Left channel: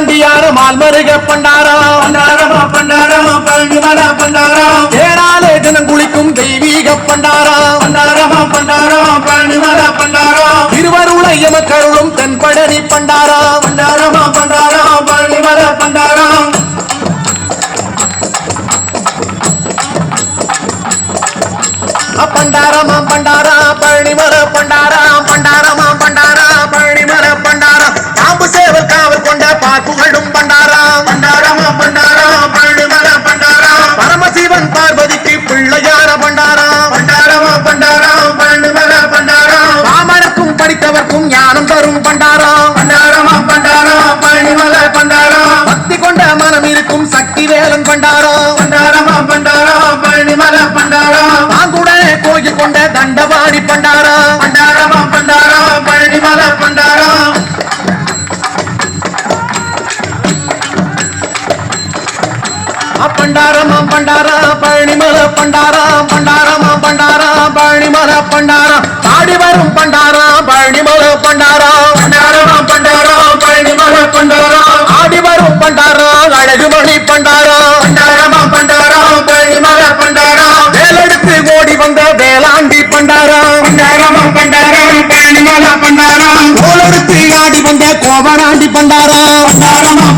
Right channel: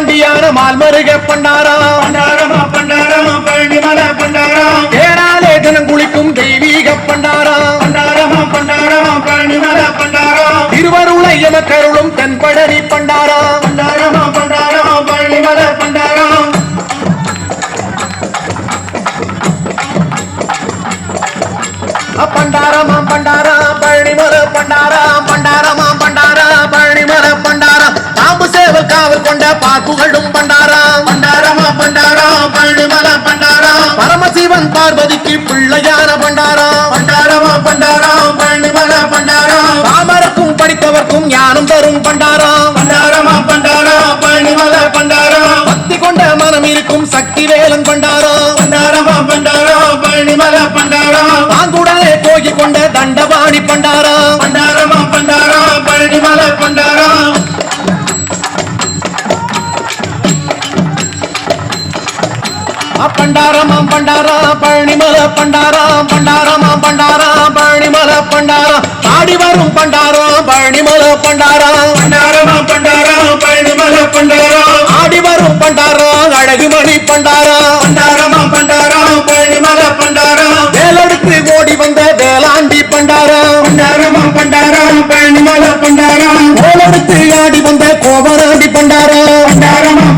பாண்டியான மால்மருக பண்டாரம் பண்டாரமா பண்டாரமா பழனிமலை பண்டாரம் ஏறாலே தினம் குளிக்கும் தெய்வீக பண்டாரம் பண்டாரமா பண்டாரமா பழனிமலை பண்டாரம் திருவருளை எமக்கருளும் தென்பழனி பண்டாரம் பண்டாரமா பண்டாரமா பழனிமலை பண்டாரம் பண்டாரமா பண்டாரா பழனிமலை பண்டாரம் பண்டாரமா பண்டாரா பழனிமலை பண்டாரம் பாம்பு சேவல் காவல் கொண்ட பாக்குகளும் பண்டாரம் பண்டாரமா பண்டாரமா பழனிமலை பண்டாரம் பரமசிவன் பார்வதிக்கு பிள்ளையார பண்டாரம் பண்டாரமா பண்டாரமா பழனிமலை பண்டாரம் ராமருக்கும் படித்தவர்க்கும் ஞானம் தரும் பண்டாரம் பண்டாரமா பண்டாரமா பழனிமலை பண்டாரம் பக்தி கொண்ட மனம் இருக்கும் சக்தி வேலன் பண்டாரம் பண்டாரமா பண்டாரமா பழனிமலை பண்டாரம் பாங்குடனே கோயில் கொண்ட தண்டபாணி பண்டாரம் பண்டாரமா பண்டாரமா பழனிமலை பண்டாரம் பண்டாரமா பண்டாரா பழனிமலை பண்டாரம் பண்டாரமா பண்டாரா பழனிமலை பண்டாரம் ஆடி வரும் பண்டாரம் பழனிமலை பண்டாரம் பண்டாரமா பண்டாரமா பழனிமலை பண்டாரம் ஆடி வரும் பண்டாரம் அழகுமணி பண்டாரம் பண்டாரமா பண்டாரமா பழனிமலை பண்டாரம் வேலெடுத்து ஓடி வந்த வேளாண்டி பண்டாரம் பண்டாரமா பண்டாரமா பழனிமலை பண்டாரம் கோலெடுத்து ஆடி வந்த கோவனாண்டி பண்டாரம் பண்டாரமா